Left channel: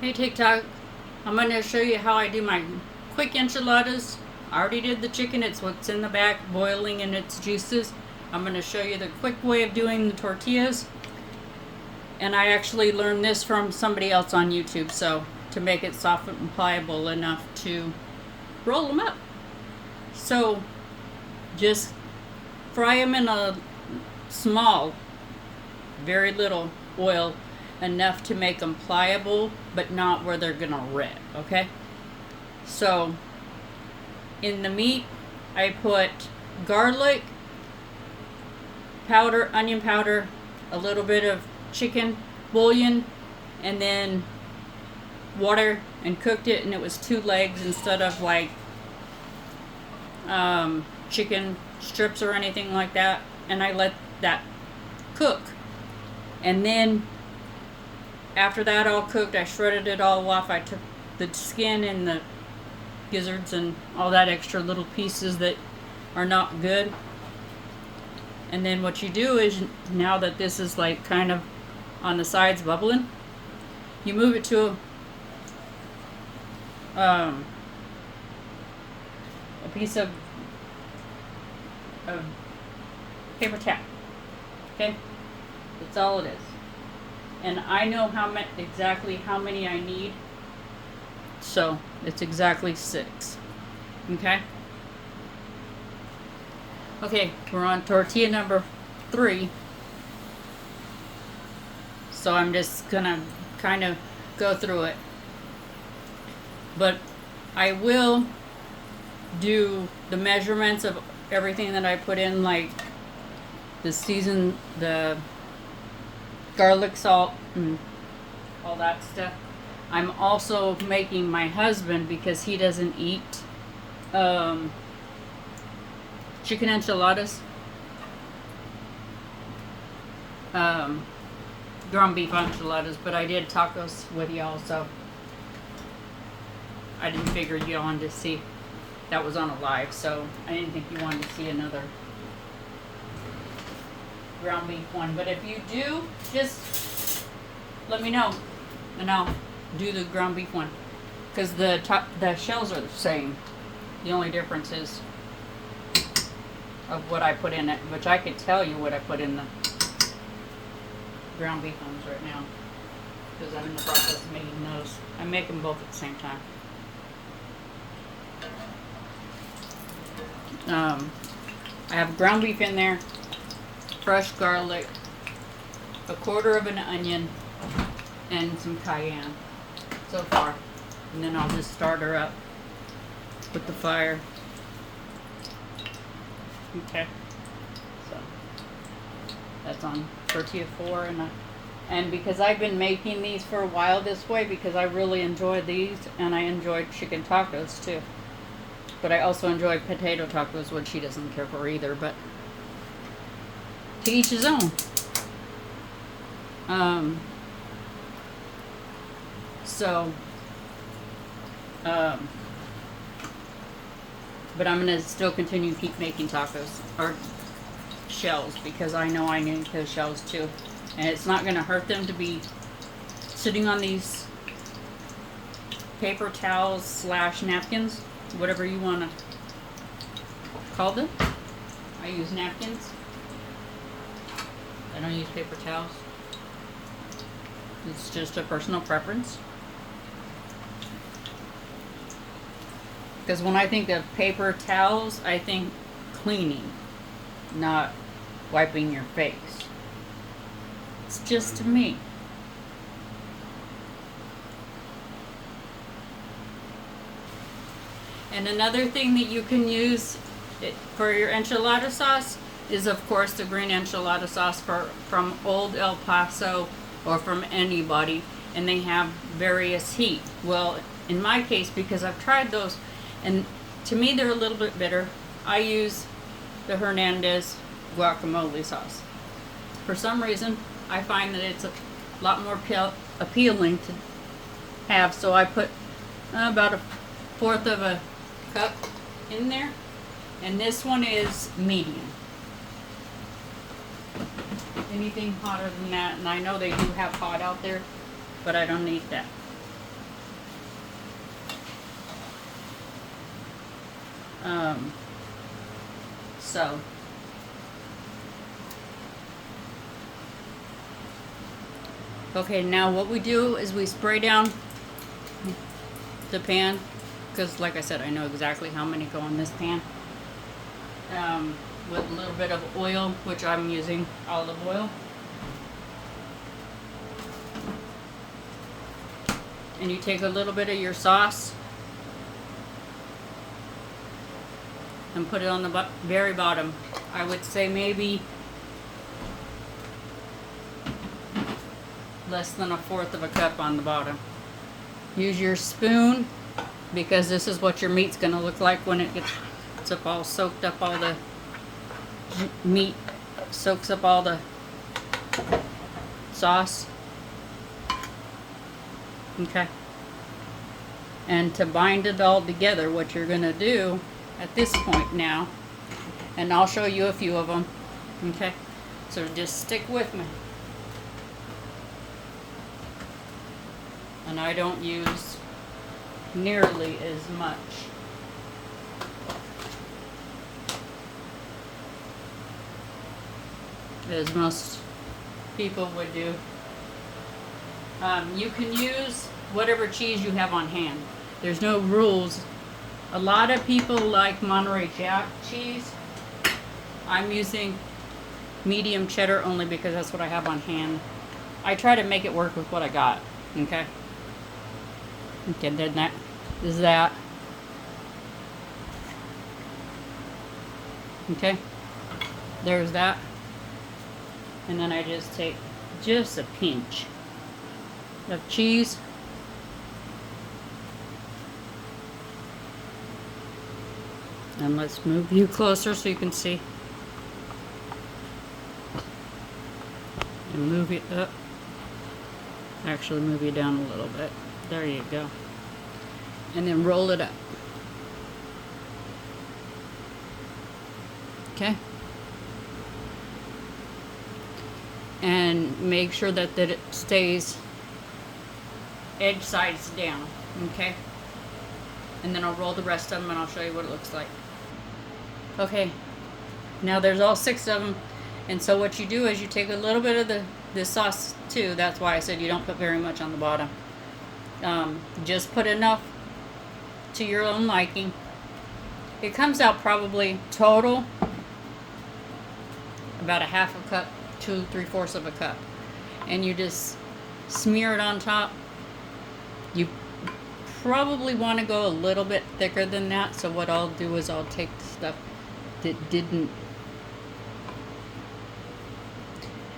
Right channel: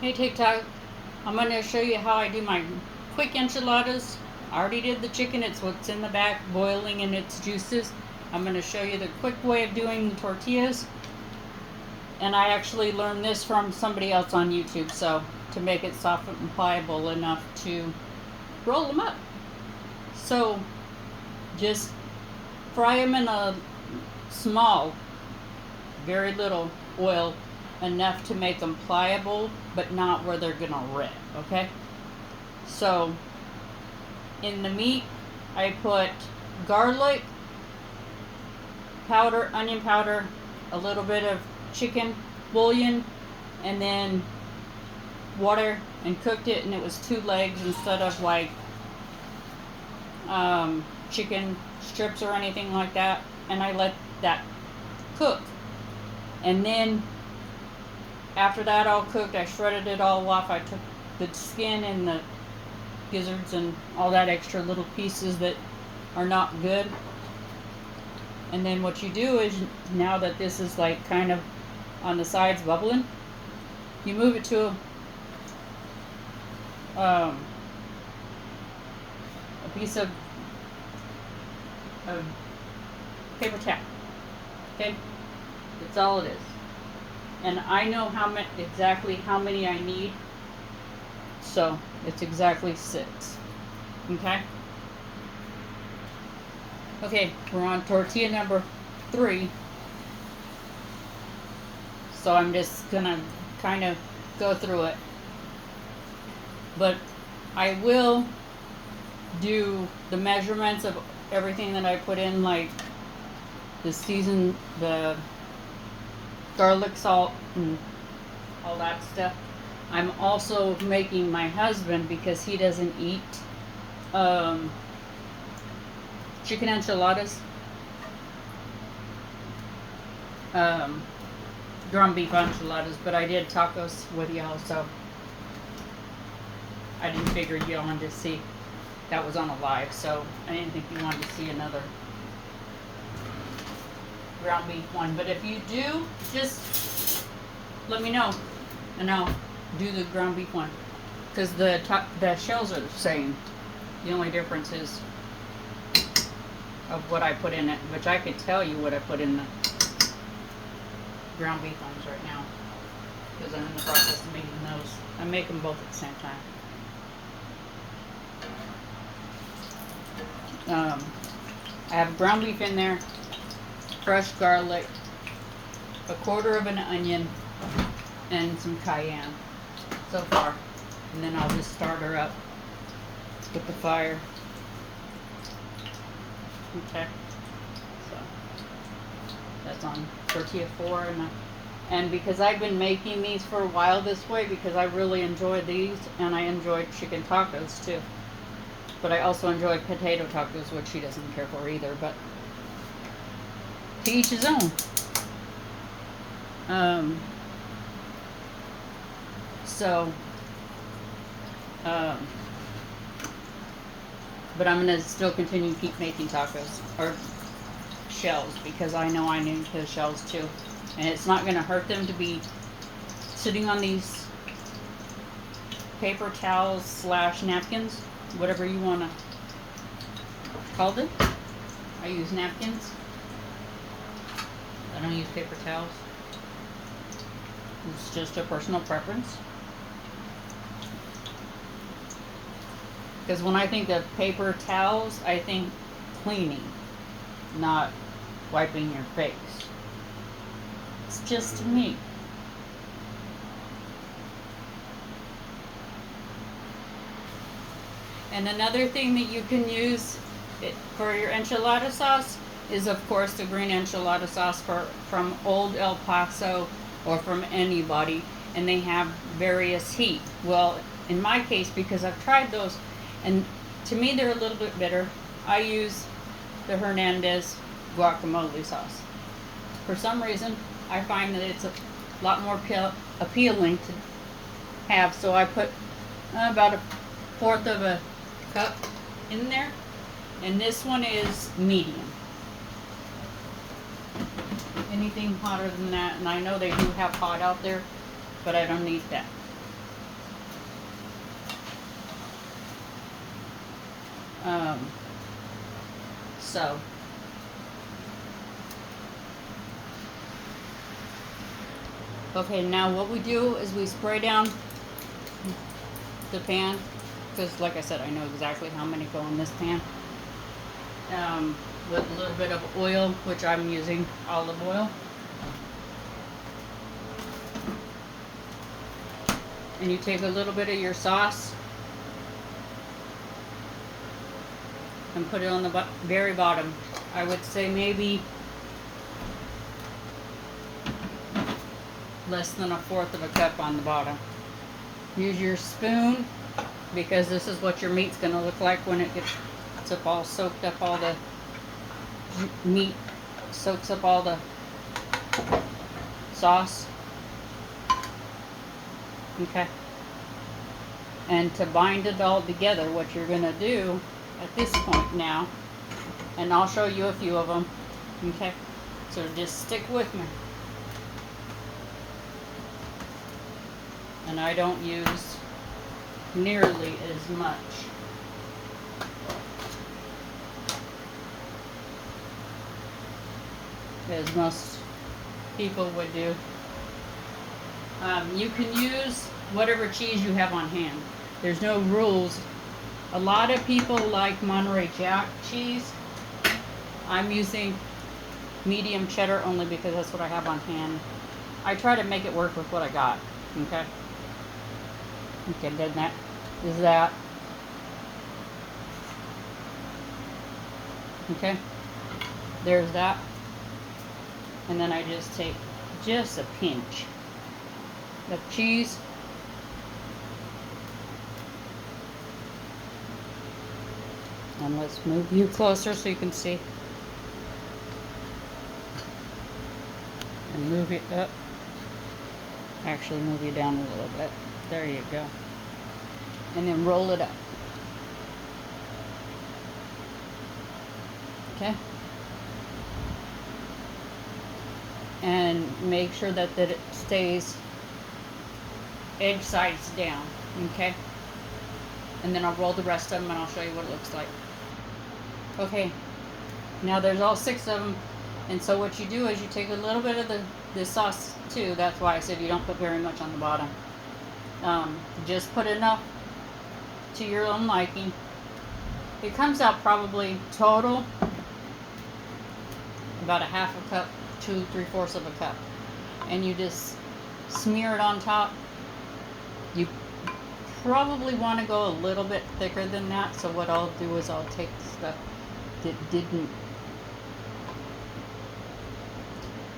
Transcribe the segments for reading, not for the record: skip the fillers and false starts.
Hey TikTok, I'm going to show you how I do my quick enchiladas. I already did the chicken, it's what's in the back boiling in its juices. I'm going to show you the quick way of doing the tortillas. And I actually learned this from somebody else on YouTube, so to make it soft and pliable enough to roll them up. So just fry them in a small, very little oil, enough to make them pliable, but not where they're gonna rip, okay? So in the meat, I put garlic powder, onion powder, a little bit of chicken bouillon, and then water, and cooked it, and it was 2 legs instead of like chicken strips or anything like that, and I let that cook. And then after that all cooked, I shredded it all off. I took the skin and the gizzards and all that extra little pieces that are not good. And then what you do is, now that this is like kind of on the sides bubbling, you move it to a piece of paper towel. Okay, that's all it is. And I know exactly how many I need, so it's exactly 6. Okay. Okay, we're on tortilla number 3. So I'm just gonna kind of go through it, but I will do the measurements of everything that I put in, like the season, the garlic, salt, and all that stuff. I'm also making my husband, because he doesn't eat chicken enchiladas, ground beef enchiladas, but I did tacos with y'all, so I didn't figure you wanted to see. That was on a live, so I didn't think you wanted to see another ground beef one. But if you do, just let me know, and I'll do the ground beef one, because the shells are the same. The only difference is of what I put in it, which I could tell you what I put in the ground beef ones right now, because I'm in the process of making those. I make them both at the same time. I have ground beef in there, fresh garlic, a quarter of an onion, and some cayenne so far. And then I'll just start her up with the fire. Okay, so that's on tortilla 4, and because I've been making these for a while this way, because I really enjoy these, and I enjoy chicken tacos too. But I also enjoy potato tacos, which he doesn't care for either, but to each his own. But I'm gonna still continue to keep making tacos, or shells, because I know I need the shells too. And it's not gonna hurt them to be sitting on these paper towels / napkins, whatever you wanna call them. I use napkins. I don't use paper towels. It's just a personal preference. Because when I think of paper towels, I think cleaning, not wiping your face. It's just me. And another thing that you can use for your enchilada sauce is, of course, the green enchilada sauce from Old El Paso, or from anybody, and they have various heat. Well, in my case, because I've tried those, and to me they're a little bit bitter, I use the Henadas guacamole sauce. For some reason, I find that it's a lot more appealing to have, so I put about 1/4 of a cup in there, and this one is medium. Anything hotter than that, and I know they do have hot out there, but I don't need that. So okay, now what we do is we spray down the pan, because like I said, I know exactly how many go in this pan, with a little bit of oil, which I'm using olive oil. And you take a little bit of your sauce and put it on the very bottom. I would say maybe less than 1/4 of a cup on the bottom. Use your spoon, because this is what your meat's going to look like when it gets up all soaked up. All the meat soaks up all the sauce. Okay. And to bind it all together, what you're going to do at this point now, and I'll show you a few of them. Okay. So just stick with me. And I don't use nearly as much. As most people would do. You can use whatever cheese you have on hand. There's no rules. A lot of people like Monterey Jack cheese. I'm using medium cheddar only because that's what I have on hand. I try to make it work with what I got. Okay. Okay, then that is that. Okay. There's that. And then I just take just a pinch of cheese. And let's move you closer so you can see. And move it up. Actually, move you down a little bit. There you go. And then roll it up. Okay. And make sure that it stays edge sides down. Okay. And then I'll roll the rest of them and I'll show you what it looks like. Okay. Now there's all 6 of them. And so what you do is you take a little bit of the sauce too. That's why I said you don't put very much on the bottom. Just put enough to your own liking. It comes out probably total about a 1/2 a cup to 3/4 of a cup. And you just smear it on top. You probably want to go a little bit thicker than that. So what I'll do is I'll take stuff that didn't.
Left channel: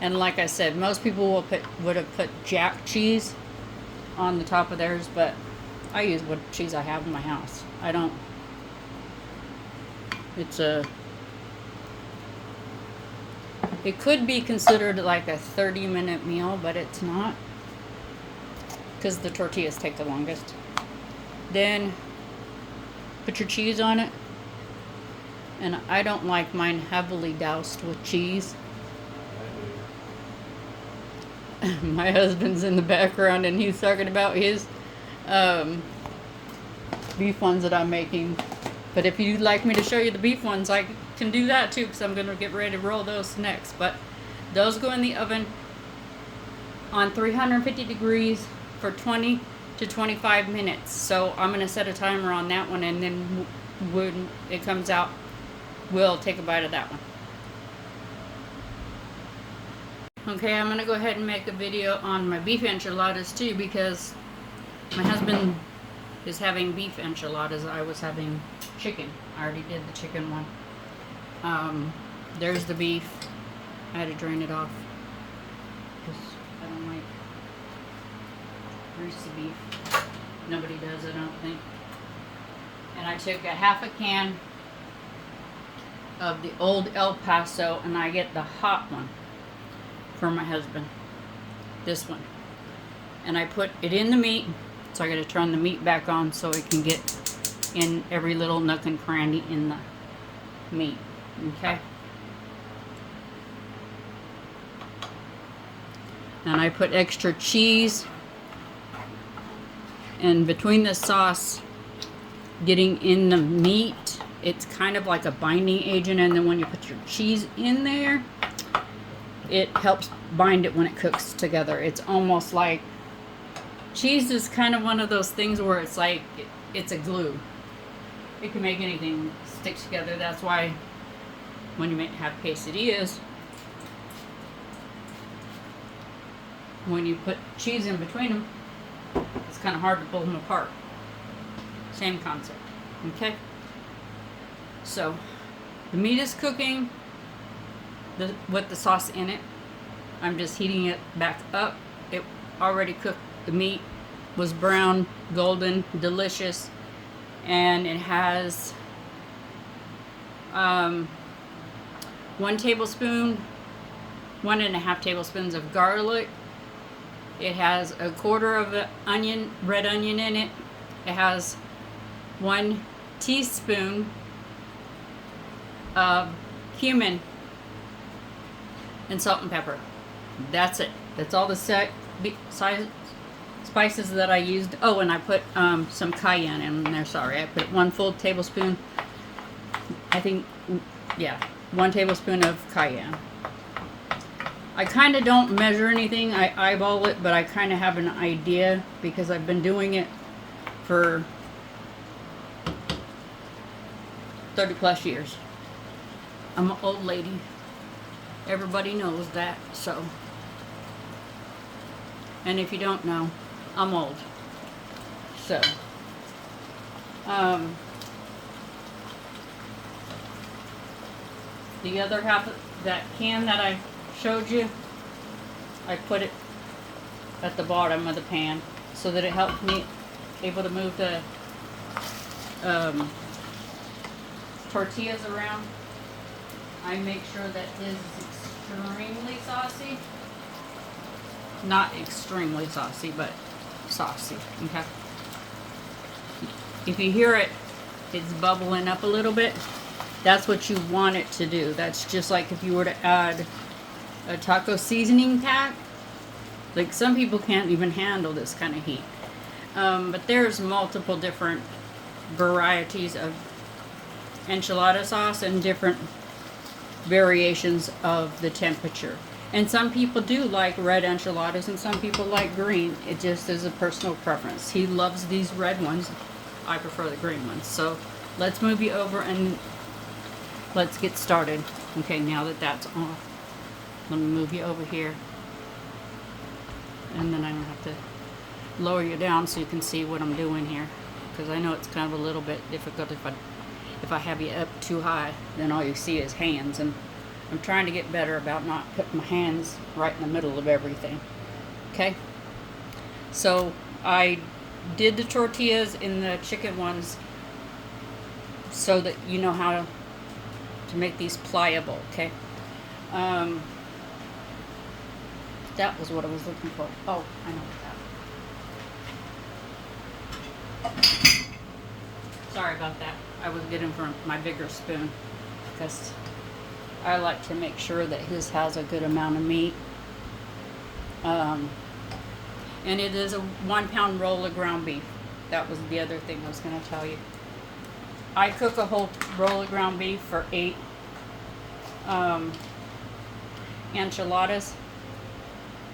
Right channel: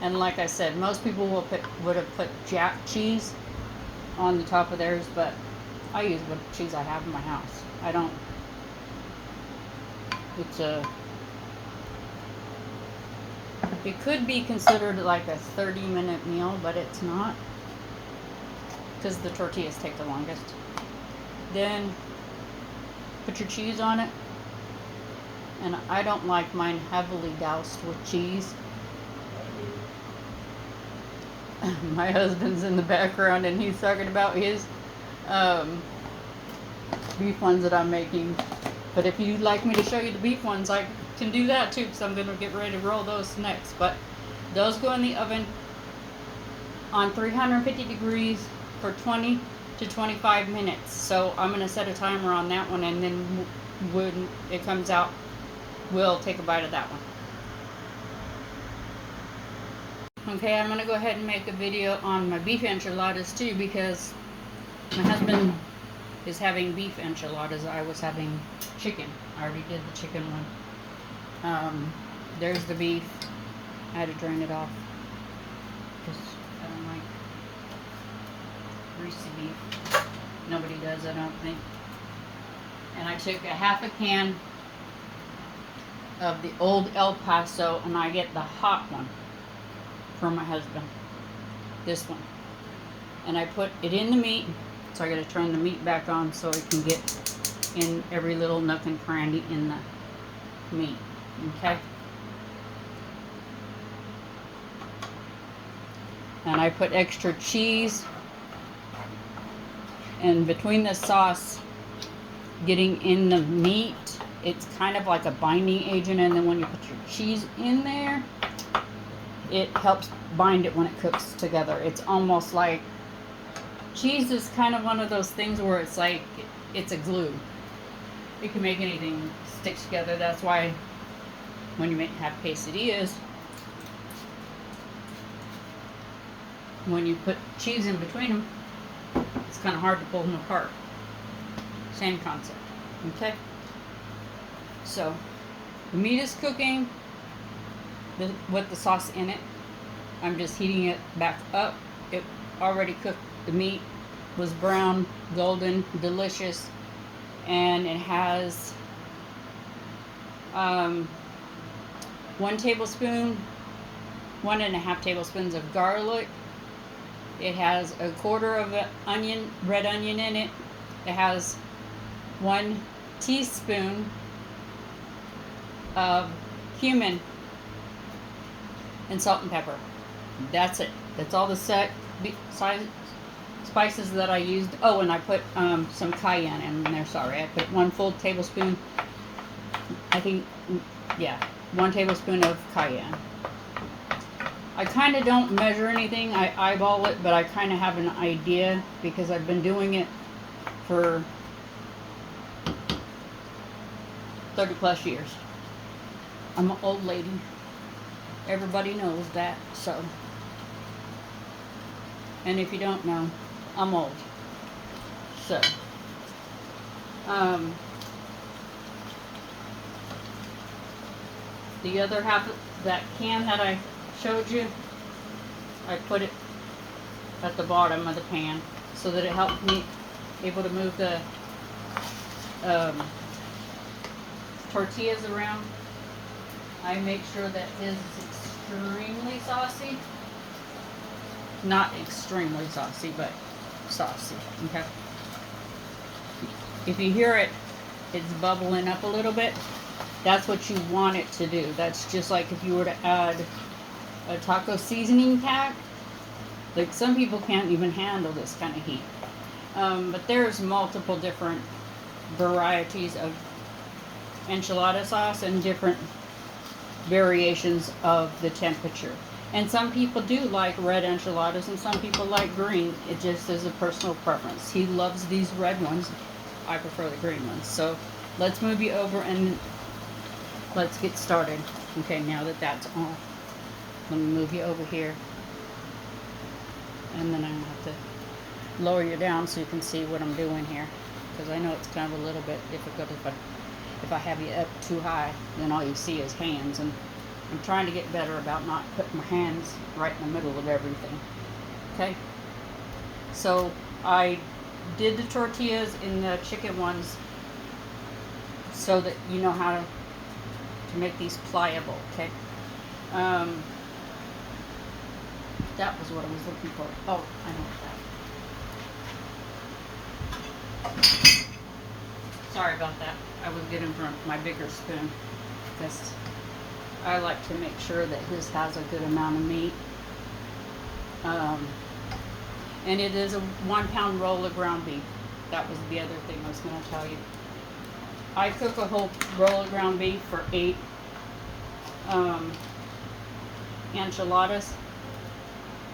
And like I said, most people would have put jack cheese on the top of theirs, but I use what cheese I have in my house. I don't. It could be considered like a 30-minute meal, but it's not, because the tortillas take the longest. Then put your cheese on it, and I don't like mine heavily doused with cheese. My husband's in the background and he's talking about his beef ones that I'm making. But if you'd like me to show you the beef ones, I can do that too, because I'm going to get ready to roll those next. But those go in the oven on 350 degrees for 20 to 25 minutes. So I'm going to set a timer on that one, and then when it comes out, we'll take a bite of that one. Okay, I'm going to go ahead and make a video on my beef enchiladas too, because my husband is having beef enchiladas. I was having chicken. I already did the chicken one. There's the beef. I had to drain it off because I don't like greasy beef. Nobody does, I don't think. And I took a 1/2 can of the old El Paso, and I get the hot one for my husband. This one. And I put it in the meat. So I got to turn the meat back on so it can get in every little nook and cranny in the meat. Okay. And I put extra cheese. And between the sauce getting in the meat It's kind of like a binding agent, and then when you put your cheese in there, it helps bind it when it cooks together. It's almost like cheese is kind of one of those things where it's like it's a glue. It can make anything stick together. That's why when you have quesadillas, when you put cheese in between them, it's kind of hard to pull them apart. Same concept. Okay? So, the meat is cooking with the sauce in it. I'm just heating it back up. It already cooked. The meat was brown, golden, delicious, and it has 1 tablespoon, 1.5 tablespoons of garlic. It has 1/4 of an onion, red onion in it. It has 1 teaspoon of cumin and salt and pepper. That's it. That's all the spices that I used. Oh, and I put some cayenne in there. Sorry, I put 1 full tablespoon. I think, yeah, 1 tablespoon of cayenne. I kind of don't measure anything. I eyeball it, but I kind of have an idea because I've been doing it for 30 plus years. I'm an old lady. Everybody knows that, so. And if you don't know, I'm old. So, the other half of that can that I showed you, I put it at the bottom of the pan so that it helps me able to move the tortillas around. I make sure that it is extremely saucy. Not extremely saucy, but saucy, okay? If you hear it, it's bubbling up a little bit. That's what you want it to do. That's just like if you were to add a taco seasoning pack. Like some people can't even handle this kind of heat. But there's multiple different varieties of enchilada sauce and different variations of the temperature. And some people do like red enchiladas and some people like green. It just is a personal preference. He loves these red ones. I prefer the green ones. So let's move you over and let's get started. Okay, now that that's off, let me move you over here. And then I'm going to have to lower you down so you can see what I'm doing here. Because I know it's kind of a little bit difficult if I have you up too high, then all you see is hands. And I'm trying to get better about not putting my hands right in the middle of everything. Okay? So I did the tortillas in the chicken ones so that you know how to make these pliable, okay? That was what I was looking for. Oh, I know that. Sorry about that. I was getting for my bigger spoon because I like to make sure that his has a good amount of meat. And it is a 1 pound roll of ground beef. That was the other thing I was going to tell you. I cook a whole roll of ground beef for 8 enchiladas.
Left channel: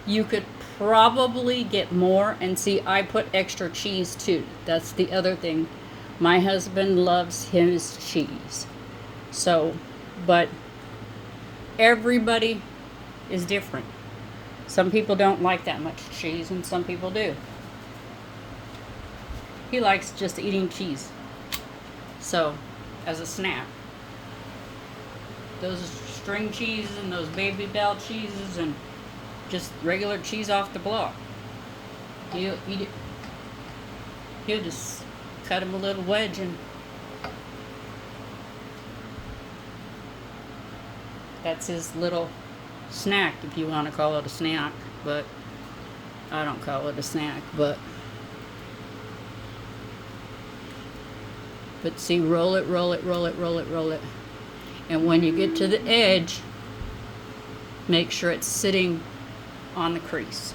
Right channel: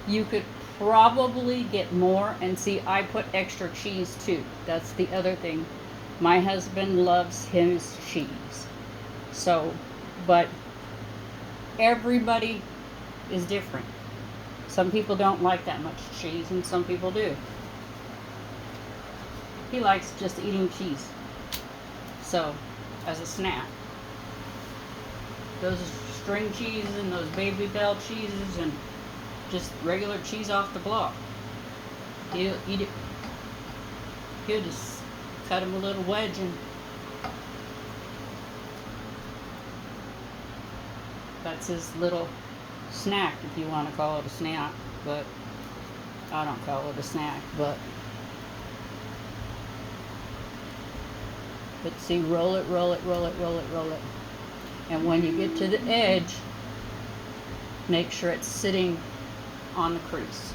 You could probably get more, and see, I put extra cheese too. That's the other thing. My husband loves his cheese. So, but everybody is different. Some people don't like that much cheese, and some people do. He likes just eating cheese. So, as a snack. Those string cheeses and those Baby Bell cheeses and just regular cheese off the block. He'll eat it. He'll just cut him a little wedge and that's his little snack, if you want to call it a snack, but I don't call it a snack, but see, roll it, roll it, roll it, roll it, roll it. And when you get to the edge, make sure it's sitting on the crease.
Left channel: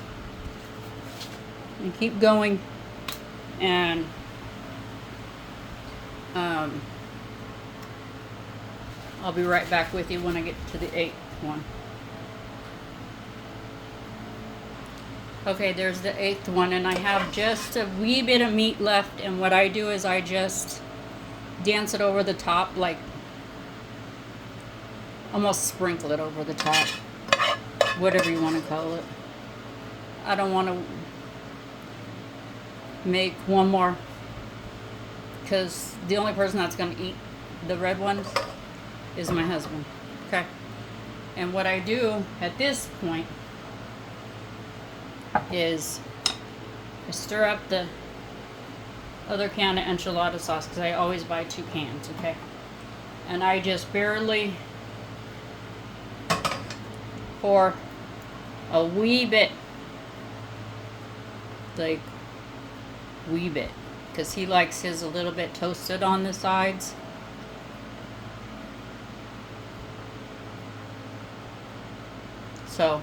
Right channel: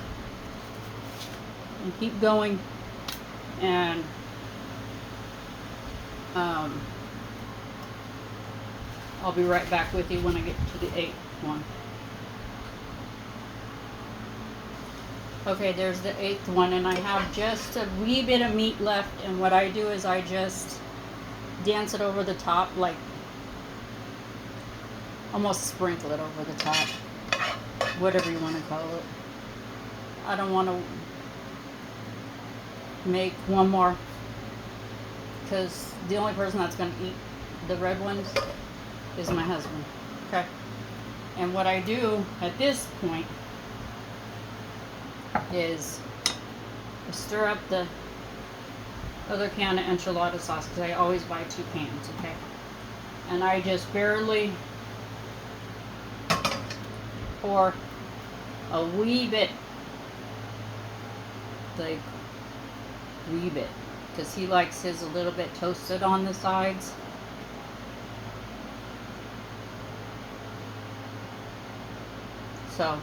And keep going, and I'll be right back with you when I get to the 8th one. Okay, there's the 8th one, and I have just a wee bit of meat left, and what I do is I just dance it over the top, like almost sprinkle it over the top, whatever you want to call it. I don't want to make one more because the only person that's going to eat the red ones is my husband. Okay, and what I do at this point is I stir up the other can of enchilada sauce because I always buy 2 cans, okay? And I just barely pour a wee bit, like wee bit, because he likes his a little bit toasted on the sides. So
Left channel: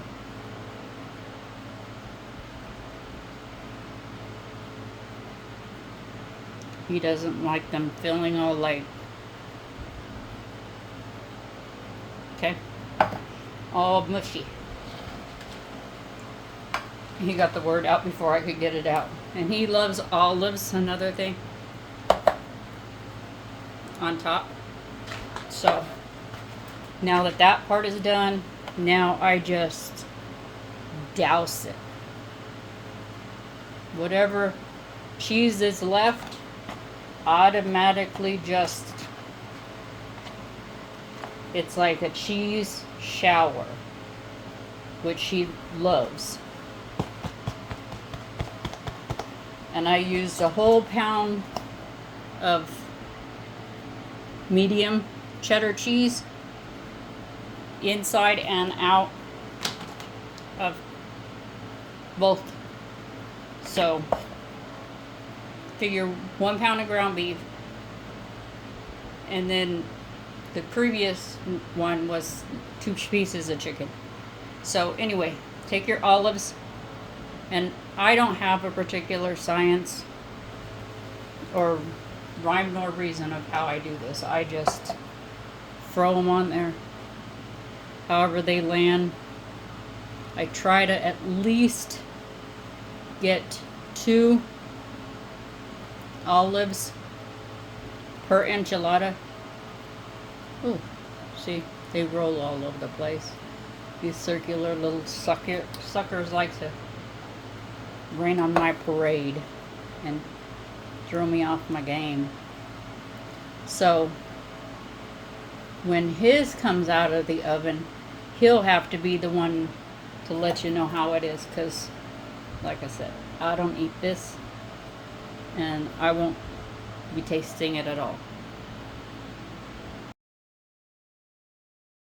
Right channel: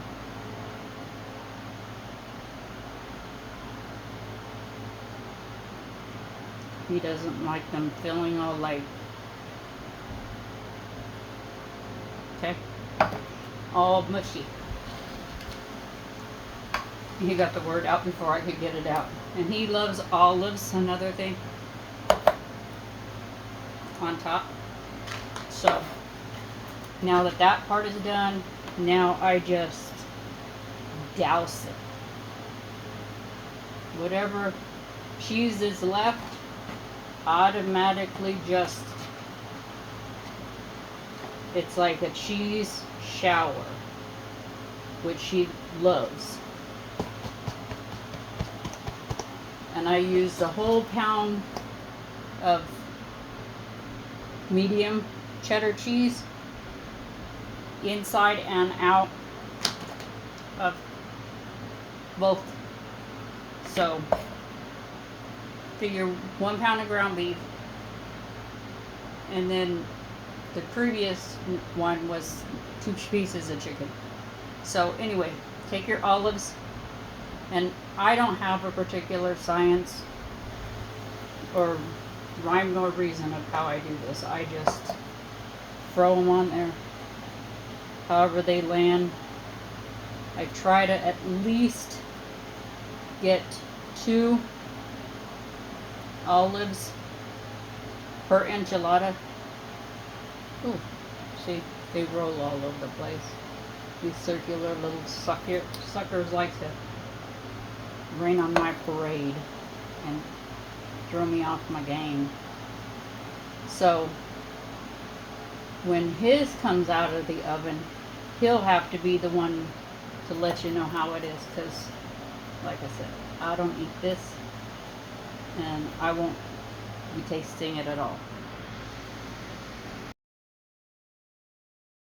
he doesn't like them feeling all like, okay, all mushy. He got the word out before I could get it out. And he loves olives, another thing, on top. So now that that part is done, now I just douse it. Whatever cheese is left, automatically just, it's like a cheese shower, which she loves. And I used a whole pound of medium cheddar cheese inside and out of both. So figure 1 pound of ground beef, and then the previous one was 2 pieces of chicken. So anyway, take your olives, and I don't have a particular science or rhyme nor reason of how I do this. I just throw them on there however they land. I try to at least get 2 olives per enchilada. Ooh, see, they roll all over the place. These circular little suckers like to rain on my parade and throw me off my game. So when his comes out of the oven, he'll have to be the one to let you know how it is, because like I said, I don't eat this and I won't be tasting it at all.